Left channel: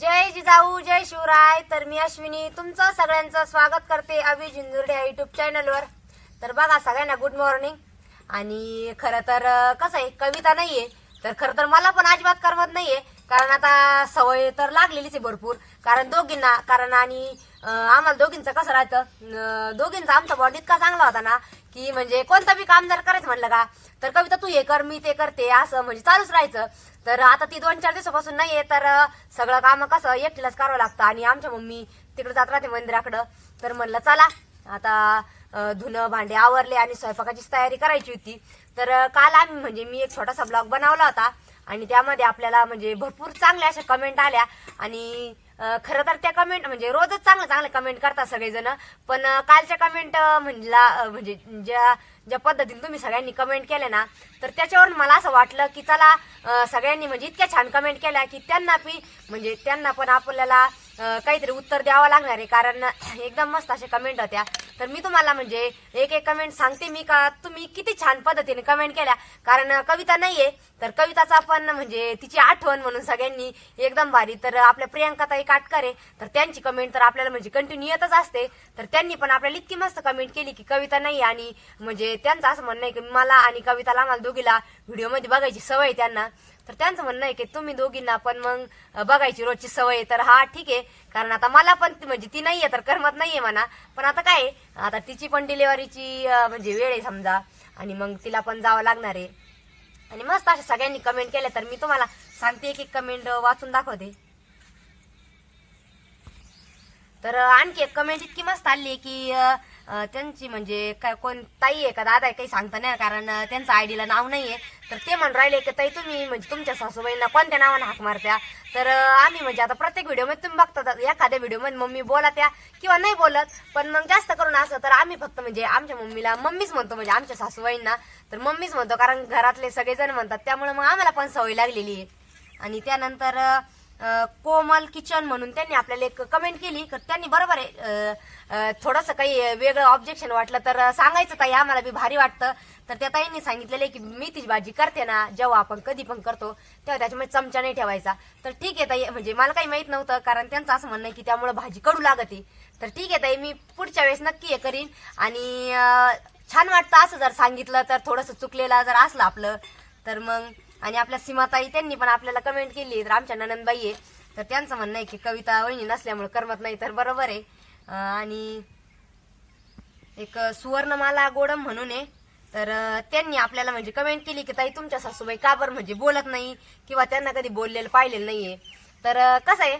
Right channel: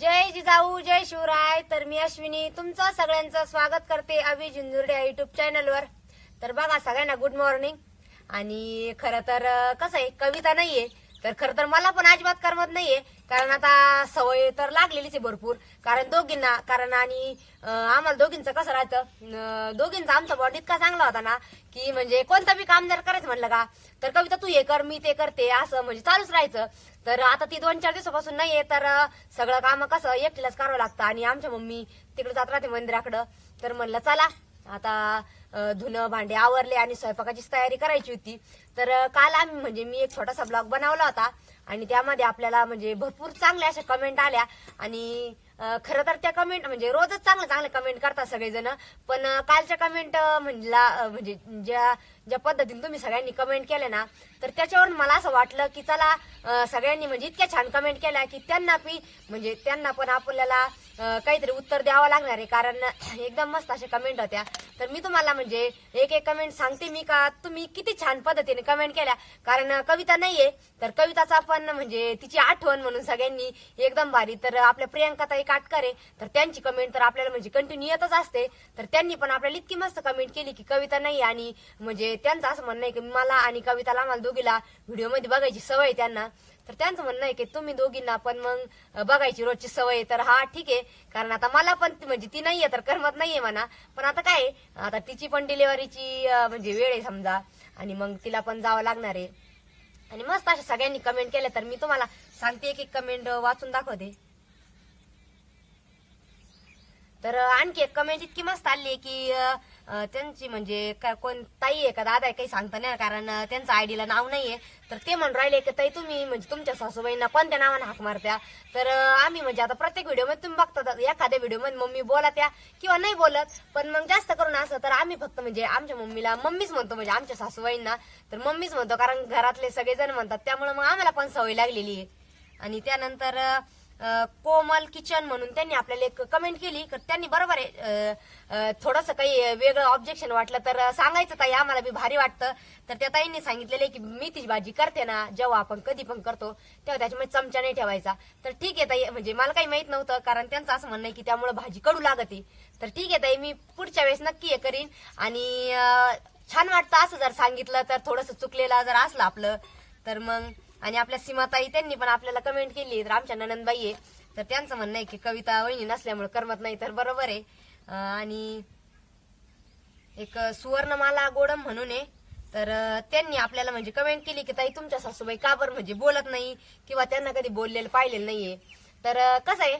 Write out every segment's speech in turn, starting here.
जय जिजाऊ जय शिवराय. तर मी अश्विनी तुमचं सगळ्यांचं स्वागत करते अभि झुंजुर्डे या युट्यूब चॅनलवर तर बघा सगळ्यांना गुड मॉर्निंग आणि खरं तर कसं आहे कविता नाहीये. तर खरं तर मला पण अजिबात करमत नाहीये. कारण आता सवय तर लागलेलीच आहे भरपूर. कारण दोघींना कारण आणि आम्हाला दोघींचं कसं राहतं दोघींचा आमचा बॉन्ड इतका चांगला होता ना की म्हणजे कोणतं बी काम जर करायचं म्हणलं का तर कविता तू हे कर मी ते करते असं म्हणजे चालूच राहायचं. तर आता ती दोन चार दिवसापासून नाहीये तर सगळं काम कसं एकटीलाच करावं लागतं आणि आमच्या मम्मी तिकडे जात राहते मंदिराकडं. तर म्हणलं चला आता धुणं भांडे आवरले आणि स्वयंपाकाची तयारी करायची होती. तर काल आम्ही म्हणजे मी एक छोटासा ब्लॉग बनवला होता आणि त्यामध्ये आपल्याला म्हणजे भरपूर चांगल्या अशा कमेंट आल्या आणि खरं तर त्या कमेंट म्हणजे रोजच चांगलं चांगलं कमेंट करतात सगळेजण. पण कालच्या कमेंट म्हणला म्हणजे ज्या ज्या पद्धतीने तुम्ही सगळ्यांनी कमेंट केल्या ना तर त्याच्यावरून मला असं वाटलं की चला सगळ्यांनी म्हणजे इतक्या छान कमेंट केल्या की त्यांना पी म्हणजे त्यांना पण आपल्याला काहीतरी उत्तर द्यावं लागणार आहे. कारण एकदम मस्त अशा कमेंट होत्या. तर मी तुम्हाला म्हणजे एक एक कमेंट सांगते मी का तुम्ही किती छान पद्धतीने कमेंट केल्या. कारण कविता नाहीये. तर कविताचा आपण म्हणजे तिची आठवण म्हणून सगळ्यांनी एकदम भारी. तर आपल्या प्रियंकाताई काटकरे तर त्यांची कमेंट तर आपल्याला म्हणजे कंटिन्यू येतच असते. तर त्यांनी पण आपल्याला इतकी मस्त कमेंट केली की कविता नाही आणि म्हणजे त्यांचं असं म्हणणं आहे की मला आणि कविताला आम्हाला दोघीला व्हिडिओमध्ये बघायची सवय आहे त्यांना. तर त्यांचं म्हणणं आहे की तुम्ही दोघींना पण मग बघायची रोजची सवय आहे. तर हा ठीक आहे. कारण आता मला पण म्हणजे ती नाहीये तर करमत नाहीये म्हणा. पण आता काय आहे, आता तिची पण डिलिव्हरीची म्हणजे वेळ आहे समजा. आणि मग तिला पण जावं लागणार आहे. आणि मस्त अशा सगळ्यांनी कमेंट केल्या तर मी तुम्हाला सांगते एक एक कमेंट वाचून दाखवते. तर आणखी एक कमेंट इतकी मस्त आली की अं, त्यांची म्हणजे काय कोण ताई आहे का दादा आहे काही सांगता नाही कारण अं, त्यांचं आयडीला नाव नाहीये. तर ते म्हणून राहिले की ताई तुम्ही म्हणजे तुमच्या सासूबाईंना कोणत्या नावाने हाक मारत्या? तर अं, आम्ही म्हणजे आता प्रत्येक व्हिडिओमध्ये तुम्ही बघता एखाद्या व्हिडिओमध्ये मम्मी बोला त्या किंवा नाही बोलत. पण मग जास्त करून असं तर आम्ही फक्त म्हणजे आमच्या मम्मीला मम्मीच म्हणतो म्हणजे आमच्या सासूबाईंना. तर मम्मीच म्हणतो कारण घरातले सगळेजण म्हणतात त्यामुळे मग आम्हाला पण सवय लागलेली आहे. आणि त्यानंतर अं, कोमल किचन म्हणून त्यांनी आपल्याला एक कमेंट केली. तर त्यांनी बरोबर आहे. थोडस काही वेगळं ऑब्जेक्शन वाटलं तर सांगायचं ताई आम्हाला बी भारी वाटतं. तर त्या ताईंनी सांगितलेलं आहे की मेथीची भाजी करते ना जेव्हा आपण कधी पण करतो तेव्हा त्याच्यामध्ये चमचा नाही ठेवायचा. तर ठीक आहे ताई म्हणजे मला काही माहीत नव्हतं कारण त्यांचं असं म्हणणं आहे की त्यामुळे भाजी कडू लागते. तर ठीक आहे ताई मी पुढच्या वेळेस नक्की हे करीन. आणि छान वाटतं असं जर सांगितलं तर थोडंसं चुकलेलं जर असलं आपलं तर मग आणि आपल्या सीमाताई त्यांनी पण आपल्याला कमेंट केली तर आमच्या ननंदबाई आहे. तर त्यांचं म्हणणं आहे की कविता वहिनी नसल्यामुळे करमत नाही तर बरोबर आहे. आणि एक सुवर्णमाला गोडम म्हणून आहे. तर त्यांनी आपल्याला म्हणजे कमेंट केली की ताई तुमच्या सासूबाई का बरं म्हणजे बोलत नाही? किंवा त्यांना कधी बोललेलं पाहिलेलं नाहीये? तर कसं आहे?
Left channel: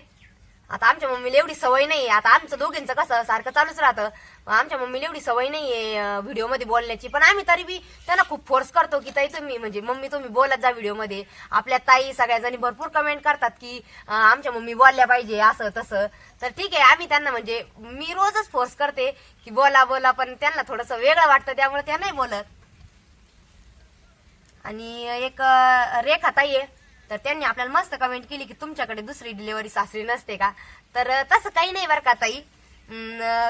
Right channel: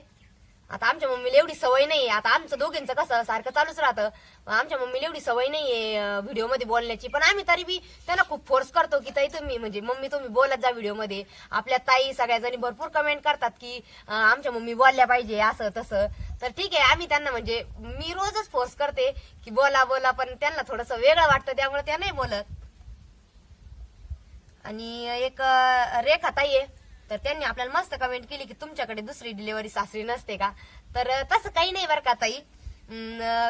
आता आमच्या मम्मीला एवढी सवय नाहीये. आता आमचं दोघींचं कसं सारखं चालूच राहतं. आमच्या मम्मीला एवढी सवय नाहीये व्हिडिओमध्ये बोलण्याची. पण आम्ही तरी बी त्यांना खूप फोर्स करतो की ताई तुम्ही म्हणजे मम्मी तुम्ही बोलत जा व्हिडिओमध्ये. आपल्या ताई सगळ्या जणी भरपूर कमेंट करतात की आमच्या मम्मी बोलल्या पाहिजे असं तसं. तर ठीक आहे आम्ही त्यांना म्हणजे मी रोजच फोर्स करते की बोला बोला पण त्यांना थोडंसं वेगळं वाटतं त्यामुळे त्या नाही बोलत. आणि एक रेखा ताई आहे. तर त्यांनी आपल्याला मस्त कमेंट केली की तुमच्याकडे दुसरी डिलिव्हरी सासरी नसते का? तर तसं काही नाही बरं का ताई.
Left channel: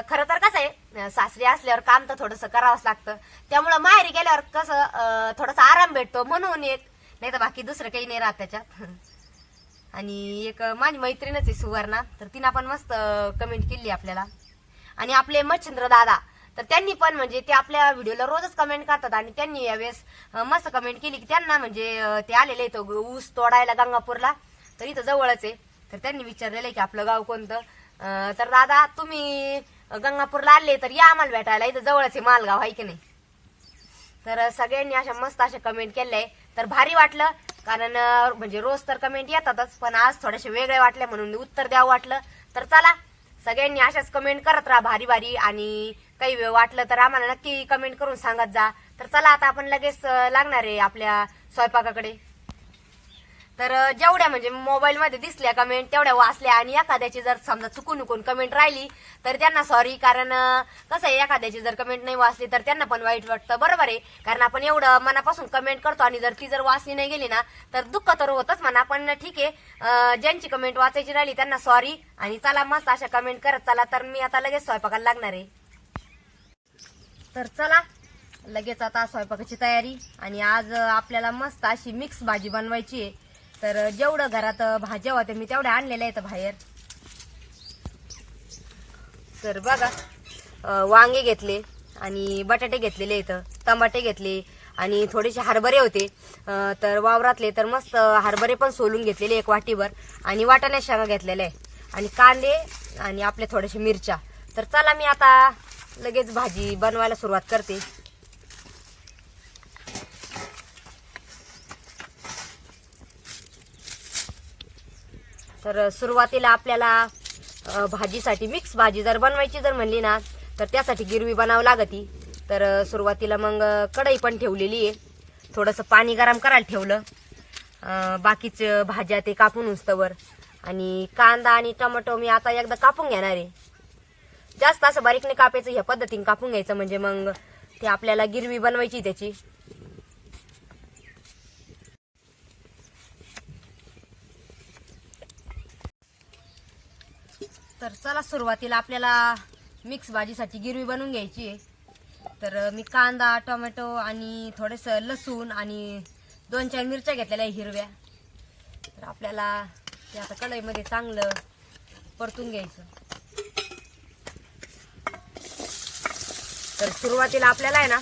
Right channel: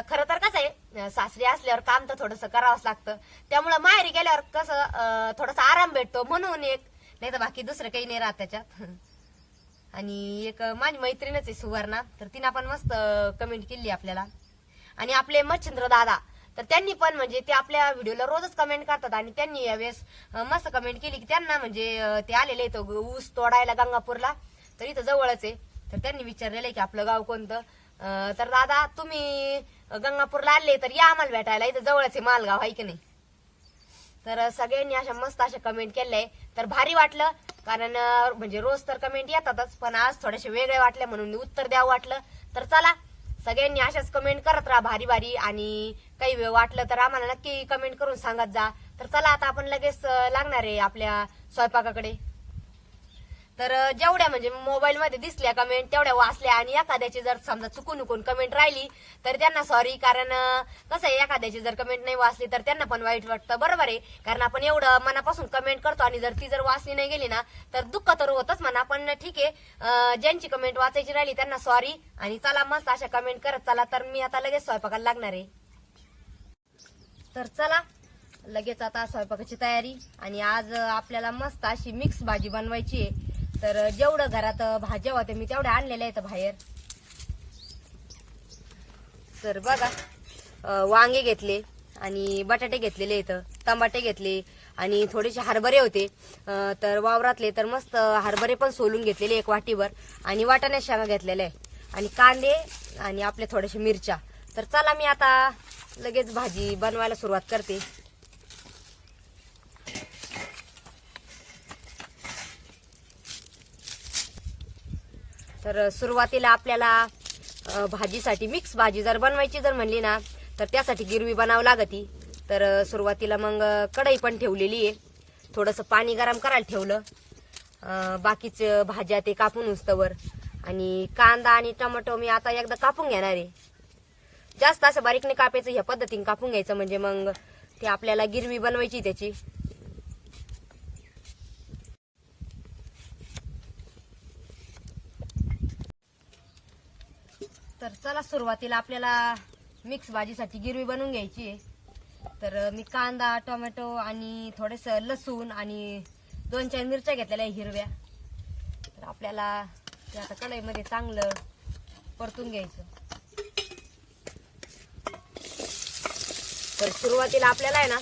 खरं तर कसं आहे सासरी असल्यावर काम तर थोडंसं करावंच लागतं. त्यामुळं माहेरी गेल्यावर कसं थोडासा आराम भेटतो म्हणून एक. नाही तर बाकी दुसरं काही नाही राहत त्याच्यात. आणि एक माझी मैत्रीणच आहे सुवर्णा. तर तिनं पण मस्त कमेंट केली आपल्याला. आणि आपले मच्छिंद्र दादा. तर त्यांनी पण म्हणजे ते आपल्या व्हिडिओला रोजच कमेंट करतात आणि त्यांनी यावेळेस मस्त कमेंट केली की त्यांना म्हणजे ते आलेले आहेत ऊस तोडायला गंगापूरला. तर इथं जवळच आहे. तर त्यांनी विचारलेलं आहे की आपलं गाव कोणतं? तर दादा तुम्ही गंगापूरला आले तर या आम्हाला भेटायला. इथं जवळच आहे मालगाव आहे की नाही? तर सगळ्यांनी अशा मस्त अशा कमेंट केल्या आहे तर भारी वाटलं कारण म्हणजे रोज तर कमेंट येतातच पण आज थोडेसे वेगळे वाटले म्हणून उत्तर द्यावं वाटलं. तर चला सगळ्यांनी अशाच कमेंट करत राहा भारी भारी. आणि काही वेळ वाटलं तर आम्हाला नक्की कमेंट करून सांगत जा. तर चला आता आपण लगेच लागणार आहे आपल्या स्वयंपाकाकडे. तर जेवढ्या म्हणजे मोबाईल मध्ये दिसल्या कमेंट तेवढ्या वाचल्या आणि एखाद्याची जर समजा चुकून उकून कमेंट राहिली तर त्यांना सॉरी कारण कसं आहे एखाद्याची जर कमेंट नाही वाचली तर त्यांना पण वाईट वाटतं. बरोबर आहे. कारण आपण एवढं मनापासून कमेंट करतो आणि जर ती जर वाचली नाही गेली ना तर दुःख तर होतच म्हणा. पण ठीक आहे. ज्यांची कमेंट वाचायची राहिली त्यांना सॉरी आणि चला मस्त अशा कमेंट करत चला. तर मी आता लगेच स्वयंपाकाला लागणार आहे. तर चला लगेच आता स्वयंपाकाची तयारी. आणि आज आपल्याला मस्त अशी मिक्स भाजी बनवायची आहे. तर जेवढं घरात भाज्या होत्या मी तेवढ्या आणलेल्या आहेत बाहेर. तर बघा वांगे घेतले आणि बटाटे घेतलेले इथं टमाटे घेतले आणि थोडेसे हरभरे होते. तर वावरातले तर मस्त हरभरे पण सोलून घेतलेले एक वाटीवर आणि वाटाण्या शेंगा घेतलेल्या आहे आणि कांदे आणि आपल्या थोड्याशा मिरच्या. तर चला मी आता लगेच भाजी बनवायला सुरुवात करते. तर सुरुवातीला आपल्याला भाजीसाठी मिक्स भाजी जर बनवायची जर म्हणली ना तर त्यासाठी गिरवी बनावं लागती. तर सुरुवातीला मग कढई पण ठेवलेली आहे. थोडंसं पाणी गरम करायला ठेवलं. बाकीच भाज्या ते कापून उचतवर. आणि कांदा आणि टोमॅटो मी आता एकदा कापून घेणार आहे. जास्त असं बारीकने कापायचं ह्या पद्धतीने कापून घ्यायचं म्हणजे मग ते आपल्याला गिरवी बनवायची त्याची. तर चला सुरुवातीला आपल्याला मिक्स भाजीसाठी गिरवी बनवून घ्यायची आहे. तर मी कांदा टोमॅटो आणि थोडंसं लसूण आणि दोन चार मिरच्या घेतलेल्या आहे हिरव्या. तर आपल्याला ते आता कढईमध्ये चांगलं परतून घ्यायचं. तर सुरुवातीला आपल्याला आहे ना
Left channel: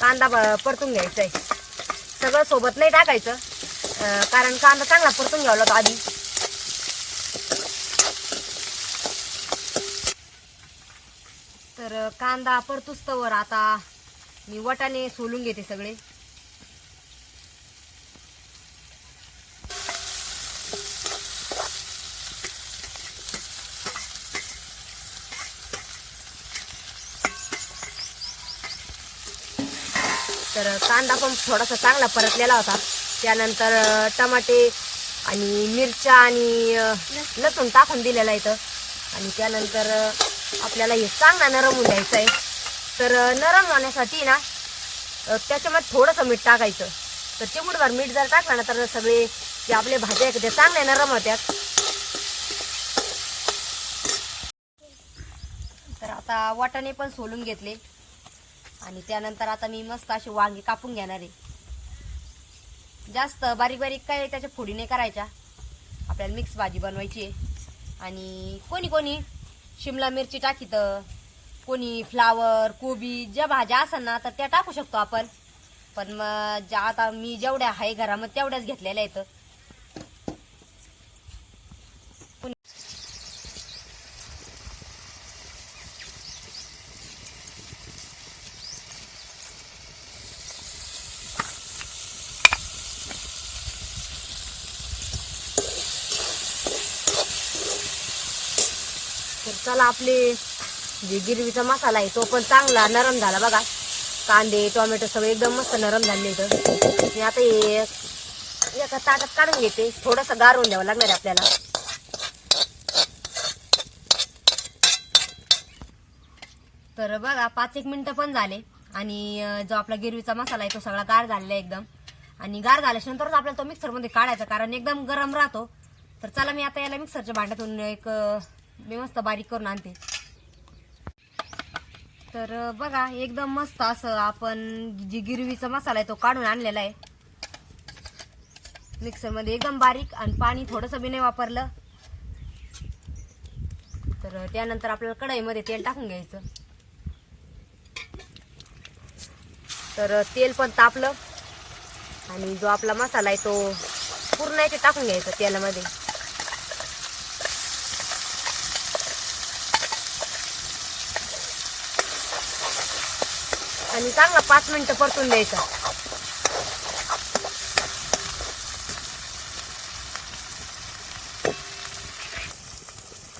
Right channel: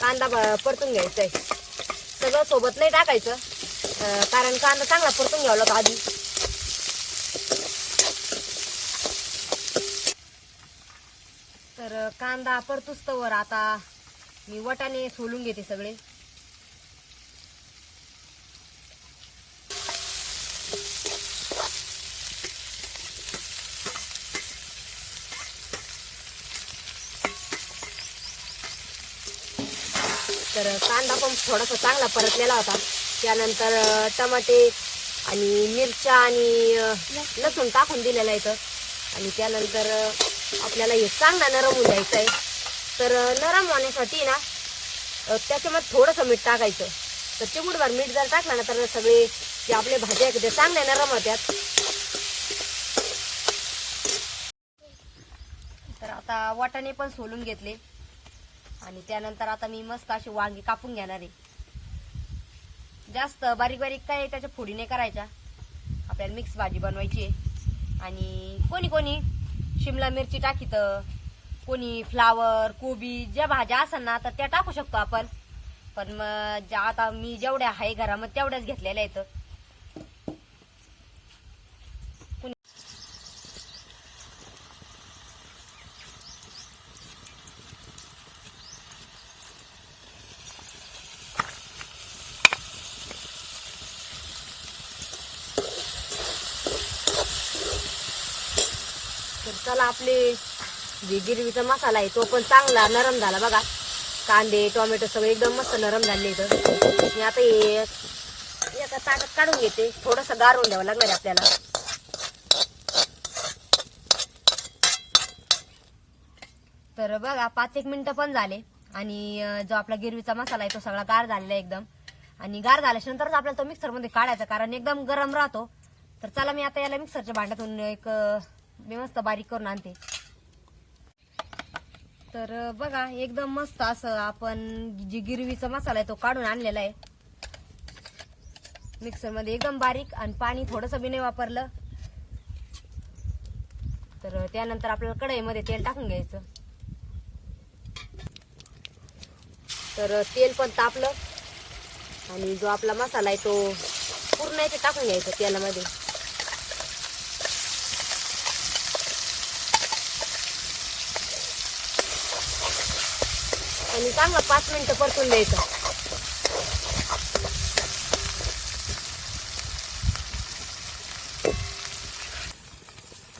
कांदा परतून घ्यायचा आहे. सगळं सोबत नाही टाकायचं. कारण कांदा चांगला परतून घ्यावला होता आधी. तर कांदा परतूच तवर आता मी वटाने सोलून घेते सगळे. तर कांदा पण थोडासा चांगला परतलेला होता. त्यानंतर टमाटे आणि मिरच्या आणि लसूण टाकून दिलेला इथं. आणि त्यानंतर आपल्याला हे चांगला नरम होऊन द्यायचं आहे. तर नरम होण्यासाठी ना त्याच्यामध्ये थोडंसं मीठ टाकायचं. तर चिमूटभर मीठ जर टाकलं ना तर सगळे जे आपले भाज्या आहेत ते चांगले नरम होत्यात. तर आता वाटाणे पण सोलून घेतले. आणि त्यानंतर आता मी मस्त अशी वांगी कापून घेणार आहे. जास्त बारीक बारीक काय त्याच्या फोडी नाही करायच्या. आपल्याला मिक्स भाजी बनवायची आहे. आणि कोणी कोणी शिमला मिरची टाकीत कोणी फ्लावर कोबी ज्या भाज्या असेल ना तर त्या टाकू शकतो आपण. पण मग ज्या आता मी जेवढ्या आहे घरामध्ये तेवढ्याच घेतलेल्या आहेत. चला आपले जे गिरवीचा मसाला आहे तो पण चांगला नरम झाला बघा. कांदे टोमॅटो सगळे एकदम मस्त नरम झाले इथं. मी आता हे एका ताटात काढून घेते. थोडंसं गारून द्यावं लागणार आपल्याला. तर बघा पाच एक मिनटं पण झाले आणि जो आपला गिरवीचा मसाला आहे तो सगळा गार झालेला आहे एकदम. आणि गार झाल्याच्यानंतरच आपल्याला तो मिक्सरमध्ये काढायचा कारण एकदम गरम राहतो. तर चला मी आता याला मिक्सरच्या भांड्यातून एक मी मस्त बारीक करून आणते. तर बघा एकदम मस्त असं आपण जी गिरवीचा मसाला आहे तो काढून आणलेला आहे. मिक्सरमध्ये एकदम बारीक आणि पाणी थोडंसं बी नाही वापरलं. तर त्यानंतर आपल्याला कढईमध्ये तेल टाकून घ्यायचं. तर तेल पण तापलं. आणि जो आपला मसाला आहे तो पूर्ण याचे टाकून घ्यायचा तेलामध्ये. आणि चांगला पाच मिनिटं परतून द्यायचा.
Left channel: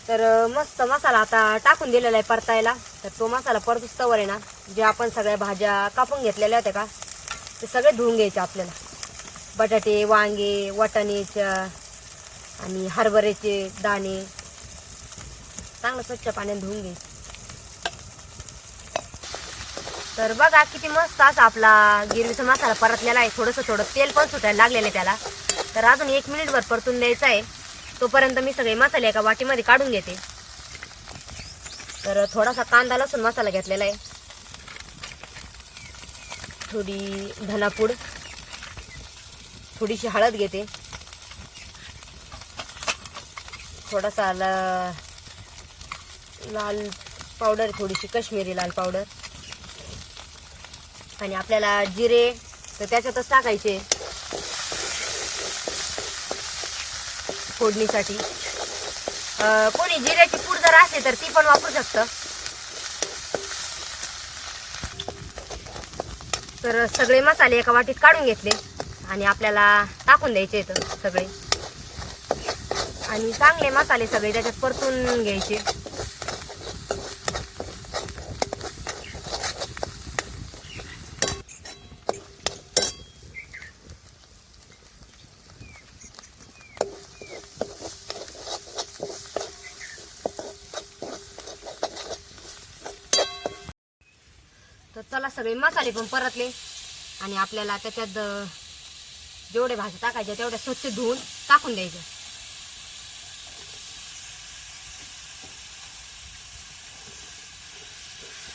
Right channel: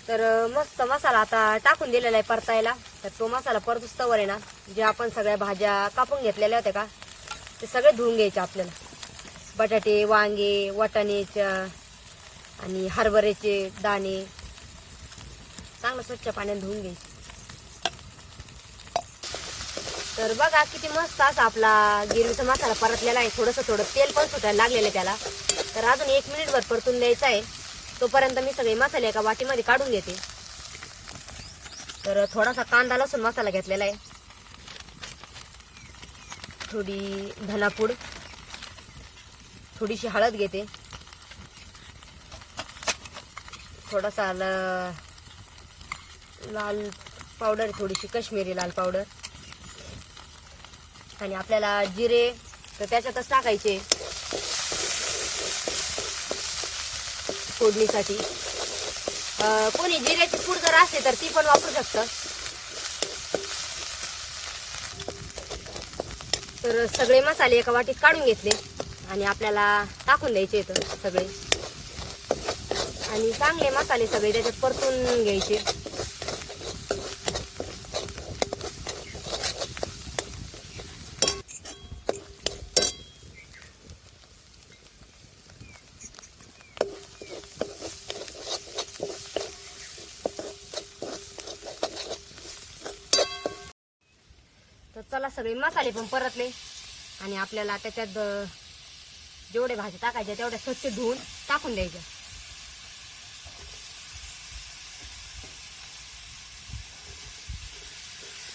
तर मस्त मसाला आता टाकून दिलेला आहे परतायला. तर तो मसाला परतूच तवर आहे ना जे आपण सगळ्या भाज्या कापून घेतलेल्या होत्या का ते सगळे धुवून घ्यायचे आपल्याला. बटाटे वांगे वाटाण्याच्या आणि हरभऱ्याचे दाणे. चांगलं स्वच्छ पाण्याने धुवून घ्यायचे. तर बघा किती मस्त असा आपला गिरवीचा मसाला परतलेला आहे. थोडंसं थोडं तेल पण सुटायला लागलेलं आहे त्याला. तर अजून एक मिनिटभर परतून द्यायचा आहे. तोपर्यंत मी सगळे मसाले एका वाटीमध्ये काढून घेते. तर थोडासा कांदा लसूण मसाला घेतलेला आहे. थोडी धनापूड थोडीशी हळद घेते. थोडासा ल- लाल पावडर थोडीशी कश्मीरी लाल पावडर. आणि आपल्याला जिरे तर त्याच्यातच टाकायचे. फोडणीसाठी. कोणी जिऱ्याची पूड जर असते तर ती पण वापरू शकतं. तर सगळे मसाले एका वाटीत काढून घेतले आणि आपल्याला टाकून द्यायचे इथं सगळे. आणि चांगले मसाले सगळे त्याच्यात परतून घ्यायचे. आपल्याला सगळे मसाले पण परतले. आणि आपल्याला त्याच्यात जेवढे भाज्या टाकायच्या तेवढ्या स्वच्छ धुवून टाकून द्यायच्या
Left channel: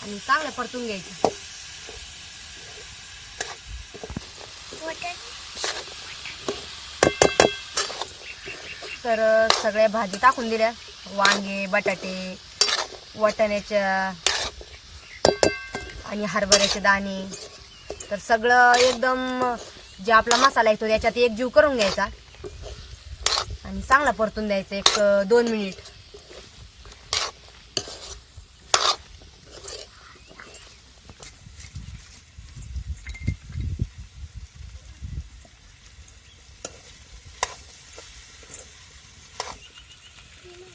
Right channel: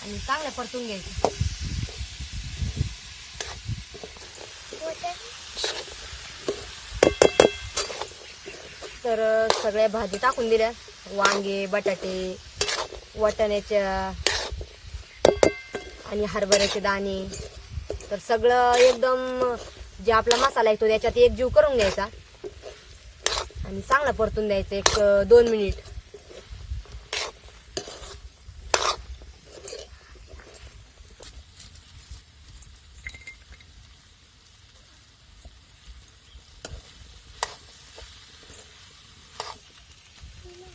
आणि चांगलं परतून घ्यायचं. तर सगळ्या भाजी टाकून दिल्या. वांगे बटाटे वाटाण्याच्या आणि हरभऱ्याचे दाणे. तर सगळं एकदम जे आपला मसाला येतो त्याच्यात एक जीव करून घ्यायचा. आणि चांगला परतून द्यायचा एक दोन मिनिट.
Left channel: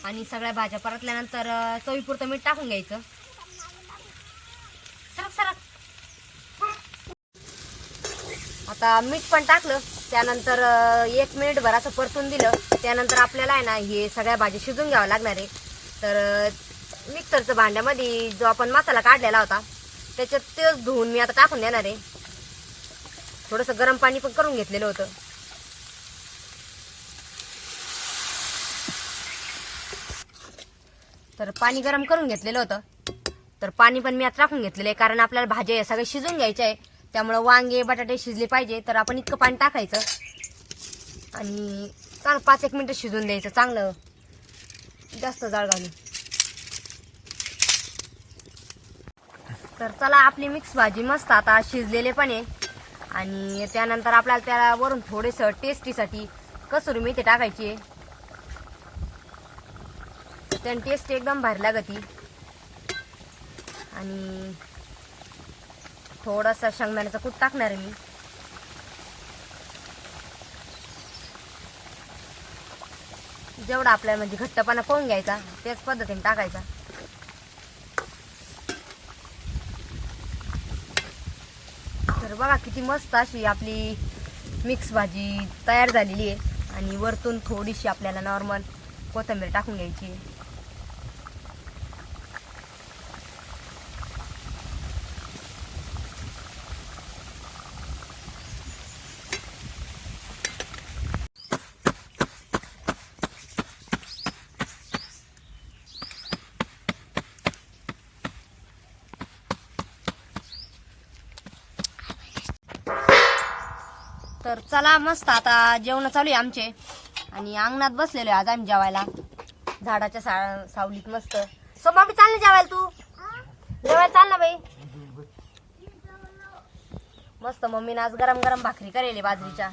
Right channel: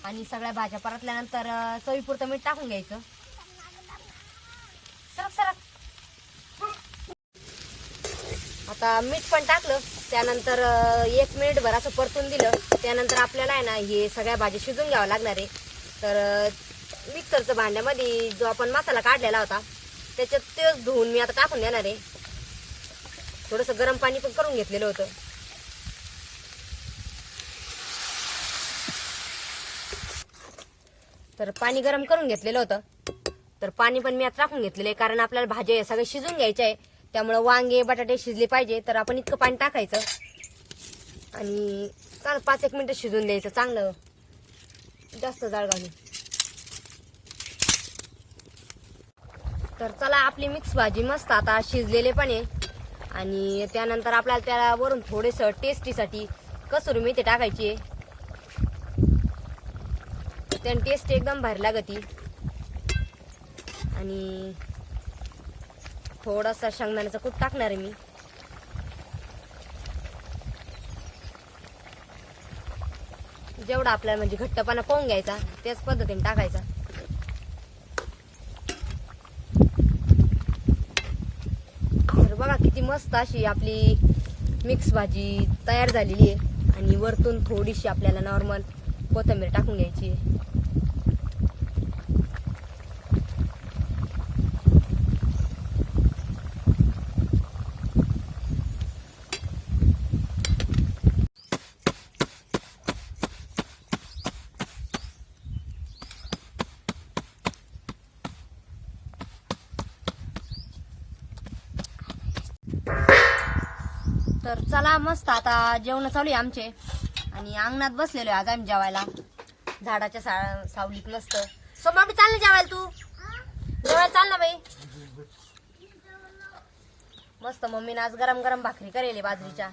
आणि सगळ्या भाज्या परतल्यानंतर चवीपुरतं मीठ टाकून घ्यायचं. आता मीठ पण टाकलं त्यानंतर एक मिनिट भर असं परतून दिलं. त्यानंतर आपल्याला आहे ना हे सगळ्या भाज्या शिजून घ्यावं लागणार आहे. तर मिक्सरचं भांड्यामध्ये जो आपण मसाला काढलेला होता त्याच्यात तेच धुवून मी आता टाकून देणार आहे. थोडंसं गरम पाणी पण करून घेतलेलं होतं. तर पाणी गरम करून घेतलेलं होतं. तर पाणी पण मी आता टाकून घेतलेलं आहे कारण आपल्याला भाज्या सगळ्या शिजून घ्यायच्या आहे. त्यामुळं वांगे बटाटे शिजले पाहिजे. तर आपण इतकं पाणी टाकायचं. आणि चांगलं पाच एक मिनटं शिजून द्यायचं चांगलं. जास्त जाळ घालून तर चला आपली मिक्स भाजी मस्त आता शिजलेले पण आहे. आणि त्यानंतर आपल्याला त्याला वरून थोडेसं टेस्टीसाठी कसुरी मेथी टाकायची आहे. त्याने टेस्ट एकदम भारी लागती. आणि थोडासा शेंगदाण्याचा कूट टाकणार आहे मी. जेवढा आपल्याला म्हणजे घट्टपणा पाहून घ्यायचा त्याच पद्धतीने टाकायचा. तर बघा किती मस्त अशी आपली मिक्स भाजी तयार झालेली आहे. आणि वरतून थोडीशी आपल्याला नॉर्मल कोथिंबीर टाकून घ्यायची आहे तर चला मस्त आता जेवण चालू आहे आमचे. आणि अंगणात बसलेलो आहे आज आम्ही जेवायला. झाडाच्या सा सावलीत मस्त. सो मम्मी चाल ना जेवायला तू. जेवायला चाल ना बाई. मस्त मम्मीनं आज गरम गरम भाकरी करेल बाजरीच्या.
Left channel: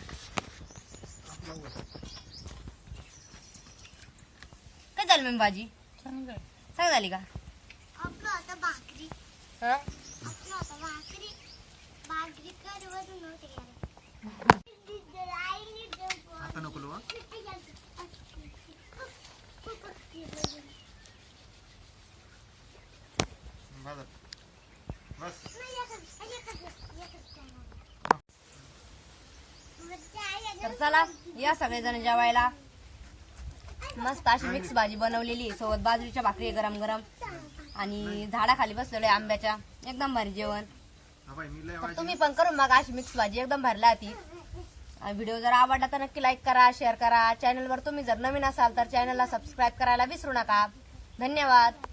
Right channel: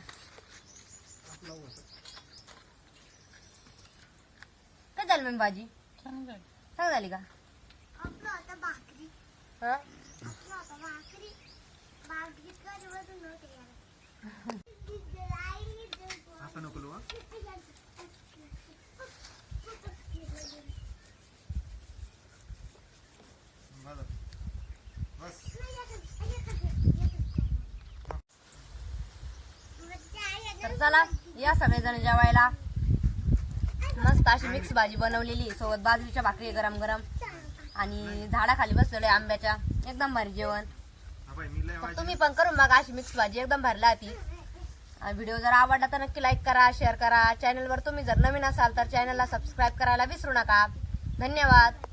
काय झालं मम्मी भाजी? सांग झाली का? भाकरी हा आपलं आता भाकरी भाकरी करवत नव्हते आईने आता नको लो, हं? बस. बस. तर चला या सगळेजण जेवायला. मस्त अशी मिक्स भाजी बनवलेली सोबत बाजरीच्या भाकरी गरम गरम आणि झाडाखाली बसलेलो आंब्याच्या. एकदम भारी जेवण. तुम्ही पण करून मग अशी मिक्स भाजी एकदम भरला ती व्हिडिओ जर आवडला तर नक्की लाईक करा शेअर करा. चॅनलवर तुम्ही जर नवीन असाल तर चॅनलला सबस्क्राईब करायला विसरू नका. धन्यवाद.